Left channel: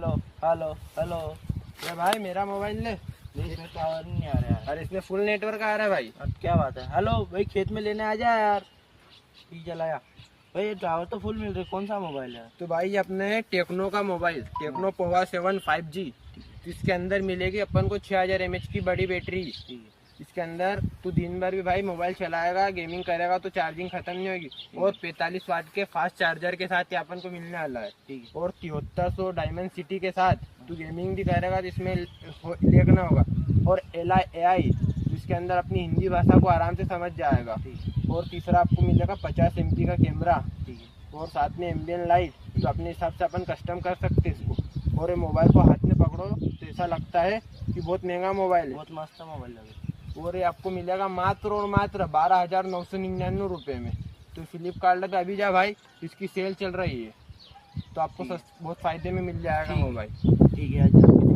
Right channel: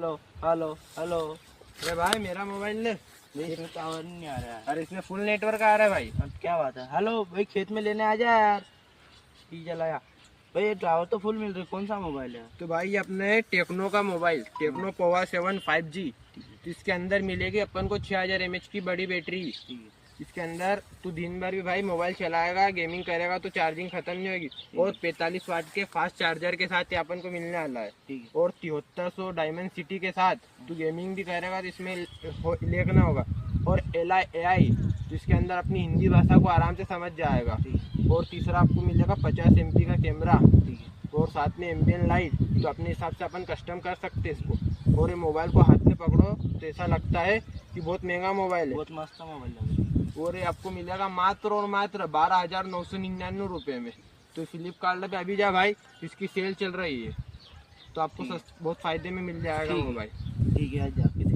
Hello hello hello. अरे भाई मेरा मोबाइल ले। इसमें तो आवाज नहीं आ रहा है। अरे इसमें फुल नेटवर्क आ रहा है भाई। क्या बात है? हेलो भाई खेत में लेने आ जा यार। ठीक चलाया। भाई टावर तो फुल मिल रही, कौन सा मोबाइल है? तो भाई अपने टेक्नो का मोबाइल टेक्नो पोवा 7 5G, जिसके अंदर मिलेगी अपन को 6000 mAh की बड़ी बैटरी। ठीक है। इसके अंदर तू दिन भर भी भाई मोबाइल चलाएगा, गेमिंग करेगा तो चार्जिंग खत्म नहीं होगी। और 45 वाट के फास्ट चार्जर के साथ ये अपन को मिलने वाला है। ठीक है। और 7300 डायमंड सिटी के साथ तू गेमिंग भी करेगा तो इसमें लेग ना होगा। और AI जिसके अंदर अपनी हिंदी भाषा को आराम से समझ जाएगा। और तीसरा आपको मिलेगा 50 MP का कैमरा। ठीक है। और साथ में एम्बियन लाइट, तो अपने हिसाब से अपन कस्टम कर सकते हैं इसको। और ये मोबाइल को हाथ में पकड़ो तो ऐसा लगता है कि बहुत महंगा मोबाइल है। बहुत मस्त मोबाइल लगे। और ये आपको मिलेगा मात्र और मात्र 12,999 रुपये में। तो फ्लिपकार्ट पे अभी जा भाई, इसकी सेल चल रही है, तो आपको ठीक है। बहुत फायदे में मिल जाएगा ठीक है। मोबाइल। ठीक है, आ जाओ।